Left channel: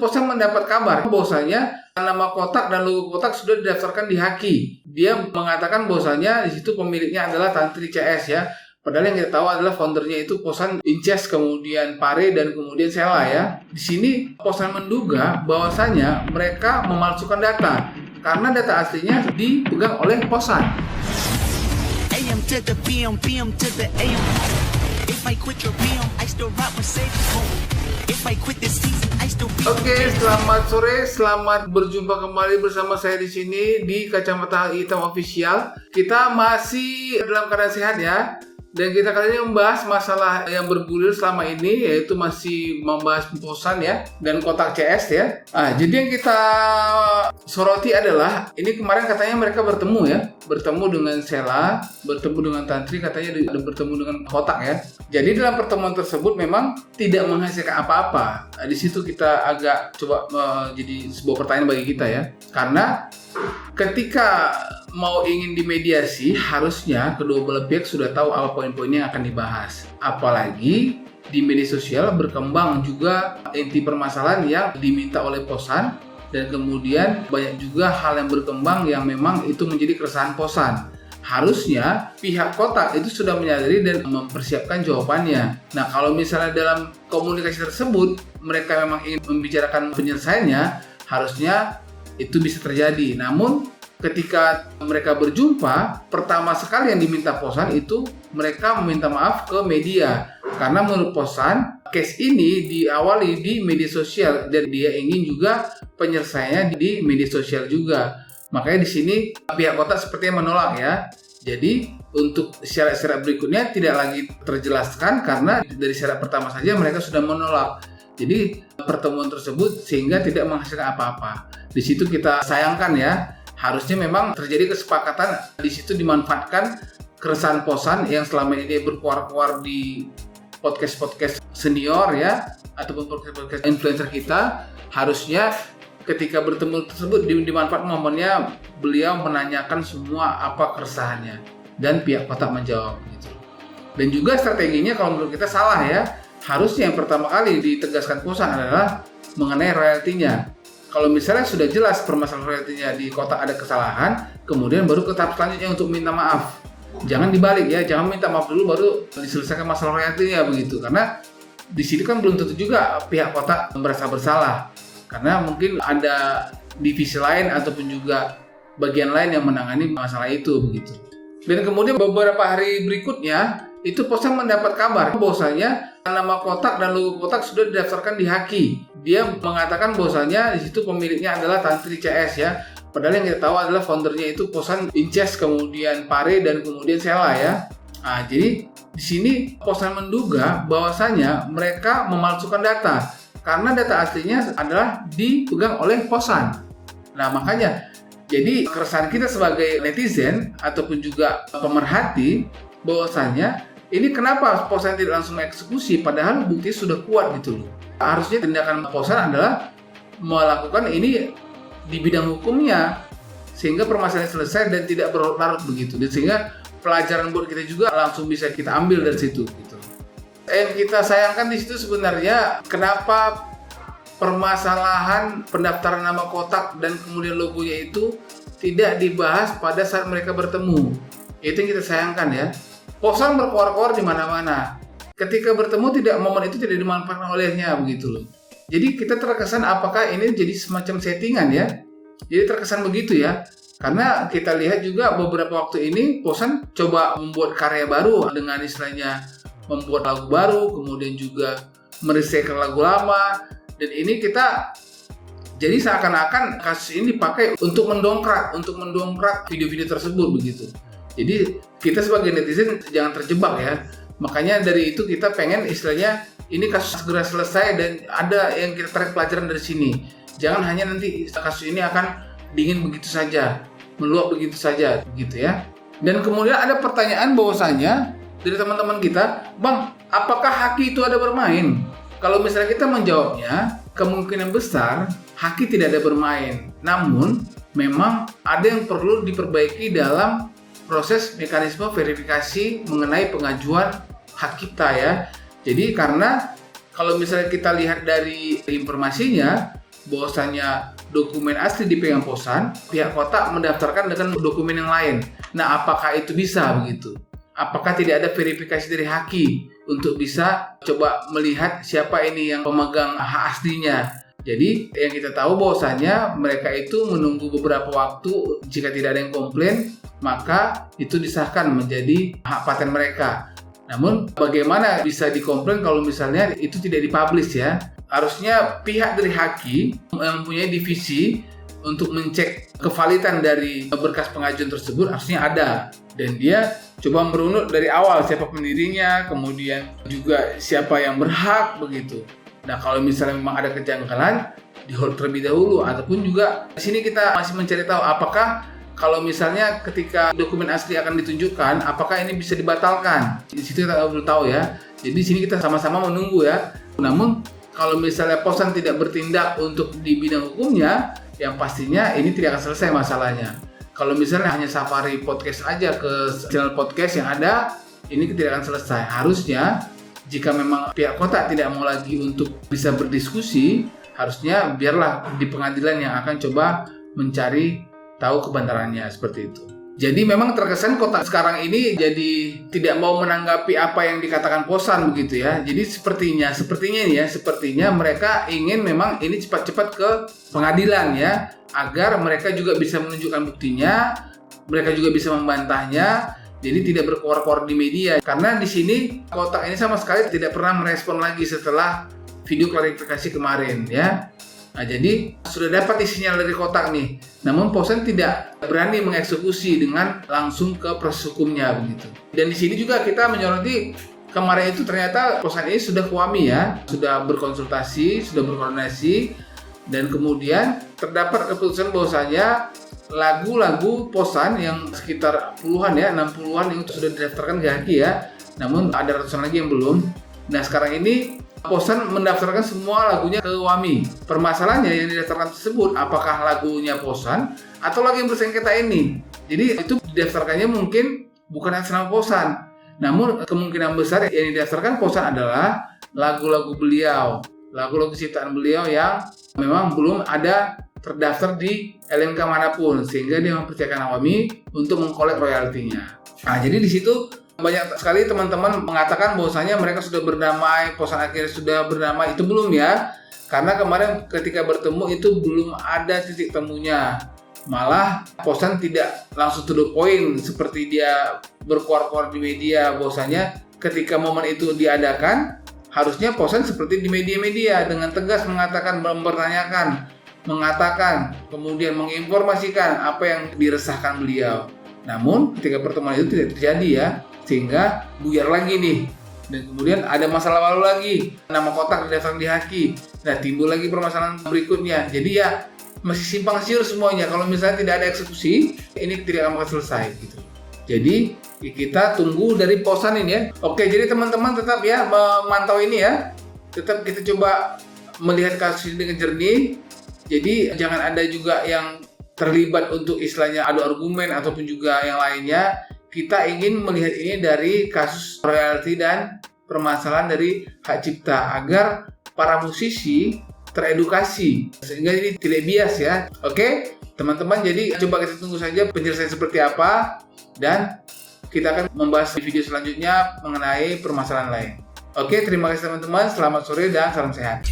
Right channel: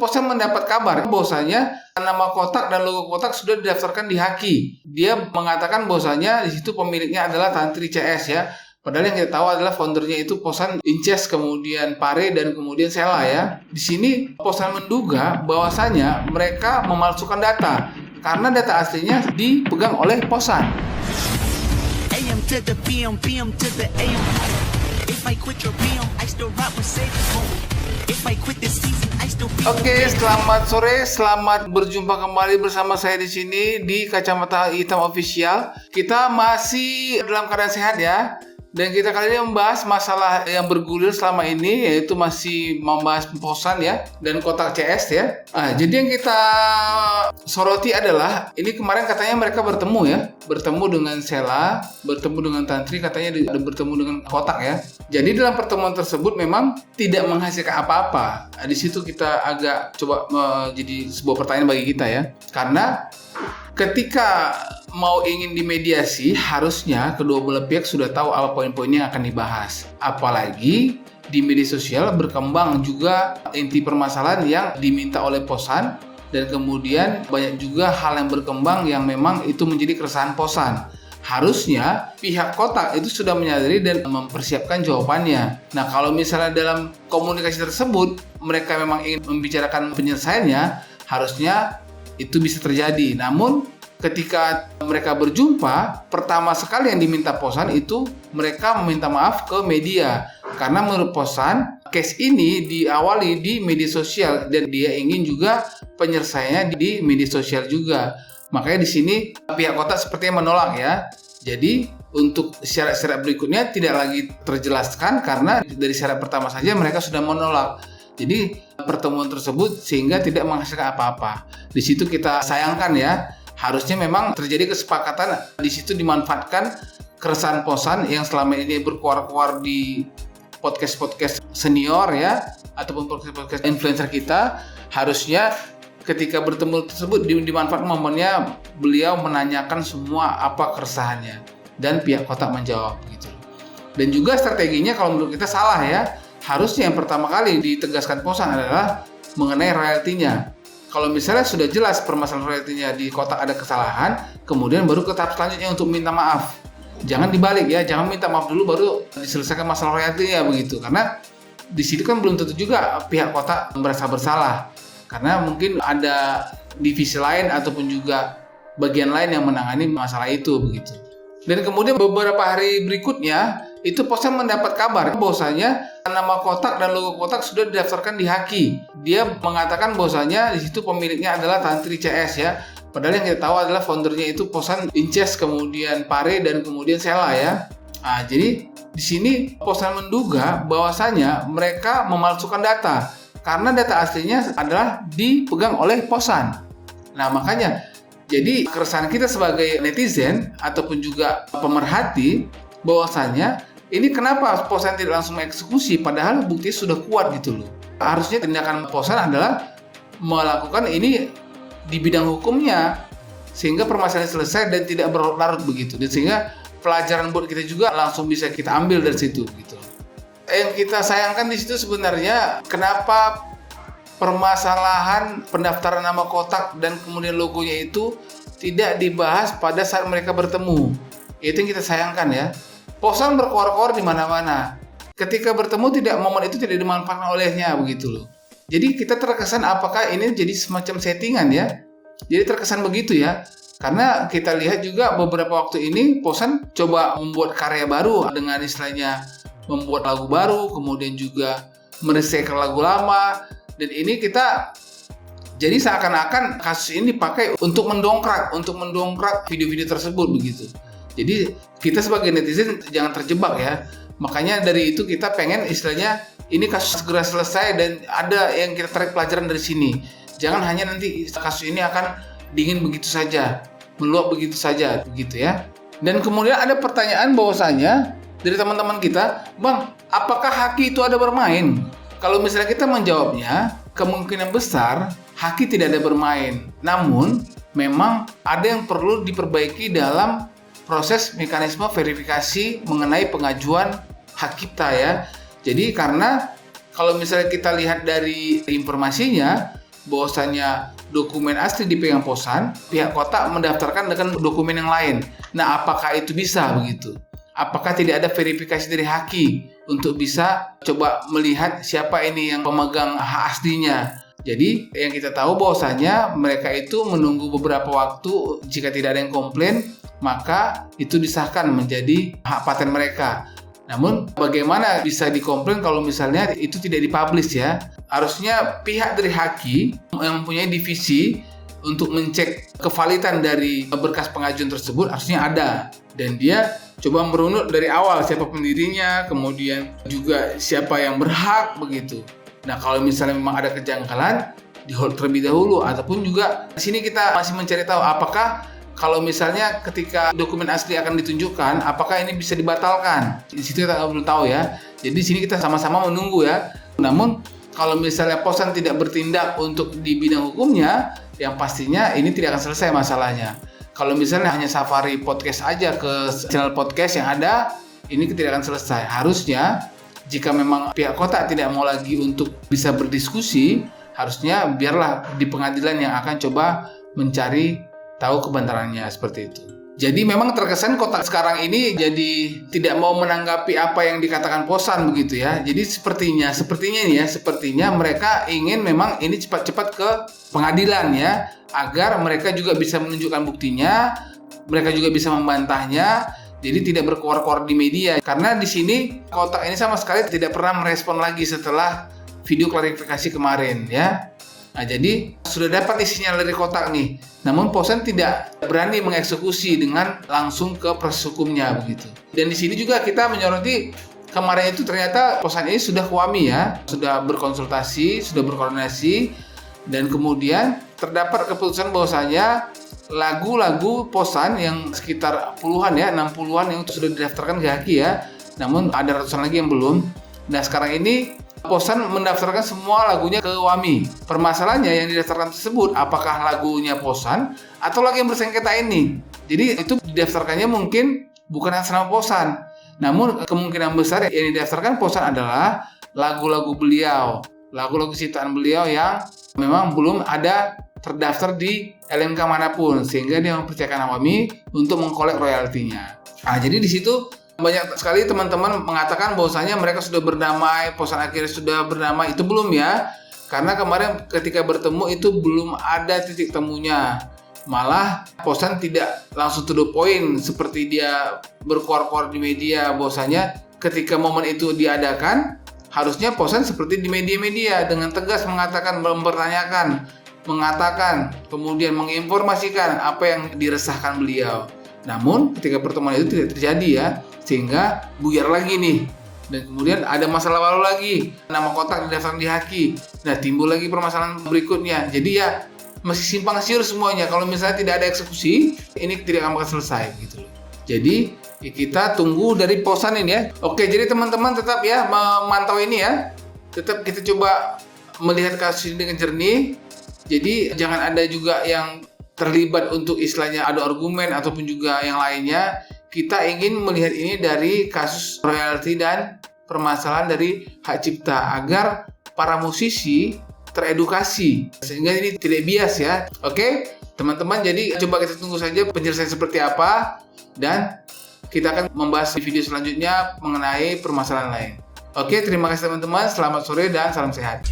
Posan mendapat kabar bahwasanya nama kotak dan logo kotak sudah didaftarkan di Haki. Dia mengatakan bahwasanya di situ pemiliknya adalah Tantri CS ya. Padahal yang kita tahu adalah foundernya itu Posan Inces, kemudian Pare, dan kemudian Sela ya. Di sini Posan menduga bahwasanya mereka memalsukan data karena data aslinya dipegang oleh Posan. AM to the PM, PM to the AM. If I quit your PM, I still rap with safe home. If I quit this season, I still be. Oke, selamat sore, selamat berjumpa kembali bersama saya di sini di Kacamata Hitam Official. Kita masih dalam keadaan sehat ya. Dan kita kali ini membahas masalah yang bergulir selama ini, yaitu masih membahas Posan ya dan kotak CS ya. Jadi yang kita soroti adalah ini kemarin katanya mereka bertemu dengan Sela, bertemu dengan Tantri, katanya bertemu dengan kotak ya. Jadi dalam pertemuan tersebut memang tidak menghasilkan apa-apa. Di situ kita agak coba jadi sebuah pertanyaan bagi kita ya, karena ketika mau ingin dimediasi, harusnya kedua belah pihak sudah tahu apa poin-poin yang akan dibahas. Apalagi di media sosial berkembang juga inti permasalahan yang diminta oleh Posan, dan kemudian banyak juga hal yang berkembang yang memang itu menjadi keresahan Posan. Harusnya pihak kotak itu sudah menyadari dan mempersiapkan jawabannya. Nah, kalau misalnya dalam komunikasi tersebut mereka memang ingin membicarakan penyelesaiannya, harusnya itu bisa terjadi. Namun ketika mereka berjumpa, pertama sekali yang diminta Posan itu mereka meminta maaf ke media. Karena menurut Posan, case ini diawali di media sosial dan dia ingin juga penyelesaiannya di media sosial juga. Makanya di sini pihak kotak sepertinya menolak ya. Jadi untuk syarat-syarat berikutnya tidak lagi terjelaskan karena dari syarat pertama saja mereka sudah menolak. Jadi pertemuan tersebut sehingga tidak menghasilkan apa-apa. Di situ kita sayangkan ya. Harusnya memang terjadi kesepakatan, di situ dimanfaatkan keresahan Posan yang selama ini berkuar-kuar di podcast-podcast senior ya, ataupun podcast-podcast influencer kita. Harusnya ketika bertemu tersebut dimanfaatkan momennya beliau menanyakan semua apa keresahannya dan pihak kotak menjawab gitu. Dan juga strateginya kalau menurut kita salah ya. Harusnya yang pertama kali ditegaskan Posan adalah mengenai royaltinya. Kalau misalnya sudah jelas permasalahan royaltinya di kotak ada kesalahan, kemudian baru ke tahap selanjutnya untuk minta maaf. Jangan dibalik ya, jangan minta maaf dulu baru diselesaikan masalah royaltinya begitu. Karena di sini kan belum tentu juga pihak kotak merasa bersalah. Karena mungkin ada divisi lain ataupun juga bagian lain yang menangani masalah itu begitu. Dan kemudian beberapa hari berikutnya itu Posan mendapat kabar bahwasanya nama kotak dan logo kotak sudah didaftarkan di Haki. Dia mengatakan bahwasanya di situ pemiliknya adalah Tantri CS ya. Padahal yang kita tahu adalah foundernya itu Posan Inces, kemudian Pare, dan kemudian Sela ya. Jadi di sini Posan menduga bahwasanya mereka memalsukan data karena data aslinya adalah dipegang oleh Posan. Nah, makanya jadi keresahan kita sebagai netizen ataupun juga pemerhati bahwasanya ini kenapa Posan tidak langsung mengeksekusi padahal bukti sudah kuat gitu loh. Harusnya tindakan Posan adalah melakukan ini di bidang hukumnya sehingga permasalahan selesai dan tidak berlarut begitu. Dan sehingga pelajaran buat kita juga langsung bisa kita ambil dari situ gitu. Yang kita sayangkan di situ sebenarnya kenapa permasalahan pendaftaran nama kotak dan kemudian logonya itu tidak dibahas pada saat mereka bertemu. Itu yang kita sayangkan ya. Posan berkuar-kuar di mana-mana. Ketika bertemu momen itu tidak dimanfaatkan olehnya begitu loh. Jadi kita terkesan apakah ini jadi semacam settingan ya. Jadi terkesan begitu ya. Karena kita lihat juga beberapa waktu ini Posan coba membuat karya baru dengan istilahnya membuat lagu baru, kemudian juga merecycle lagu lama. Dan ini kita jadi seakan-akan kasus ini dipakai untuk mendongkrak video-video tersebut begitu. Jadi kita sebagai netizen jangan terjebak ya. Makanya dari itu kita pengen istilahnya ini kasus segera selesai dan ada yang kita tarik pelajaran dari sini. Jangan hanya nanti kasus ini akan dingin begitu saja, meluap begitu saja begitu ya. Dan kemudian ada pertanyaan bahwasanya dari teman-teman kita, Bang, apakah Haki itu ada bermain? Kalau misalnya kita menjawabnya, kemungkinan besar Haki tidak ada bermain. Namun memang ada yang perlu diperbaiki dalam proses mekanisme verifikasi mengenai pengajuan hak kita ya. Jadi karena kalau misalnya kita lihat dari informasinya bahwasanya dokumen asli dipegang Posan, pihak kota mendaftarkan dengan dokumen yang lain. Nah, apakah itu bisa begitu? Apakah tidak ada verifikasi dari Haki untuk bisa coba melihat siapa ini yang pemegang hak aslinya? Jadi yang kita tahu bahwasanya mereka itu menunggu beberapa waktu, jika tidak ada yang komplain maka itu disahkan menjadi hak paten mereka. Namun bagaimana bisa dikomplain kalau misalnya itu tidak dipublish ya? Harusnya pihak dari Haki yang mempunyai divisi untuk mencek kevalidan dari berkas pengajuan tersebut harusnya ada, dan dia coba merunut dari awal siapa pendirinya, kemudian juga siapa yang berhak begitu. Nah, kalau misalnya memang ada kejanggalan, di-hold terlebih dahulu, ataupun juga di sini kita masih mencari tahu apakah kalau misalnya ketika dokumen asli akan ditunjukkan, apakah ini bisa dibatalkan? Di situ kita belum tahu ya. Jadi di sini kita sama-sama menunggu ya. Namun kalau misalnya Posan tidak bertindak untuk di bidang hukumnya, yang pastinya ini tidak akan selesai masalahnya. Kalau misalnya hanya Safari Podcast aja ke channel podcast yang ada, ini tidak akan selesai. Harusnya jika memang pihak kota tidak mau lagi untuk bisa berdiskusi, harusnya biarlah di pengadilan yang akan coba mencari tahu kebenarannya, seperti itu. Jadi memang terkesan kota sekarang ini jadi tidak mau menanggapi apa yang dikatakan Posan begitu ya. Jadi sepertinya mereka ingin memang ini cepat-cepat ke pengadilan ya, agar mereka juga bisa menunjukkan buktinya, mereka juga bisa membantahnya. Jadi tidak berkoar-koar di media, karena di sini kota ini sama sekali tidak pernah merespon lagi setelah video klarifikasi kemarin ya. Nah, jadi sudah dapat isinya dari kotak nih. Namun Posan tidak berani mengeksekusi dengan langsung ke proses hukumnya begitu. Dan di sini juga kita menyoroti kemarin itu ternyata Posan ini sudah kuami ya, sudah berkonsultasi, sudah berkoordinasi, dan kemudian terdapat keputusan bahwasanya lagu-lagu Posan yang sekitar puluhan ya, 60-an yang sudah didaftarkan ke Haki ya. Namun ada ratusan lagi yang belum. Nah, sekarang ini Posan mendaftarkan semua lagunya ke WAMI. Permasalahannya yang didaftarkan tersebut apakah lagunya Posan atau lagu yang bersengketa ini. Jadi itu didaftarkannya mungkin bukan atas nama Posan. Namun kemungkinan besar yang didaftarkan Posan adalah lagu-lagu beliau, lagu-lagu ciptaan beliau yang memang belum ada terdaftar di LNK manapun, sehingga dia mempercayakan WAMI untuk mengkolek royaltinya. Nah, jadi di situ banyak sekali teman-teman mengatakan bahwasanya mereka sudah berdamai, Posan akhirnya sudah berdamai. Itu belum ya, karena kemarin ketika bertemu itu belum ada titik temunya. Malah Posan tidak langsung to the point seperti dia berkoar-koar di media bahwasanya ketika momen itu diadakan, harusnya Posan seperti di media-media dengan tegas mengatakan, mempertanyakan, mengatakan, kemudian menginformasikan apa yang diresahkan beliau. Namun ketika pertemuan itu tidak terjadi ya, sehingga buyar lagi nih, dan kemudian ada masalah baru lagi, nama kotak didaftarkan di Haki. Nah, timbul lagi permasalahan berikutnya. Jadi ya masih simpang siur semuanya. Kalau misalnya tidak ada eksekusi, ini tidak akan selesai gitu. Jadi ya kita tunggu dari Posan ini ya. Oke, jadi teman-teman tetap ya memantau ini ya. Tetap kita coba melihat kasus ini dengan jernih. Jadi jangan ada juga yang terlibat untuk istilahnya adu argumen ataupun juga yang lainnya. Kita ingin melihat ini dari kasus royalti dan permasalahan dari hak cipta agar para musisi teredukasi sehingga ini tidak bias ya. Oke, teman-teman, jadi coba kita tunggu saja penjelasan seperti apa dan kita akan membahas di video selanjutnya mengenai permasalahan lain. Oke, terima kasih teman-teman. Selamat sore dan salam sehat.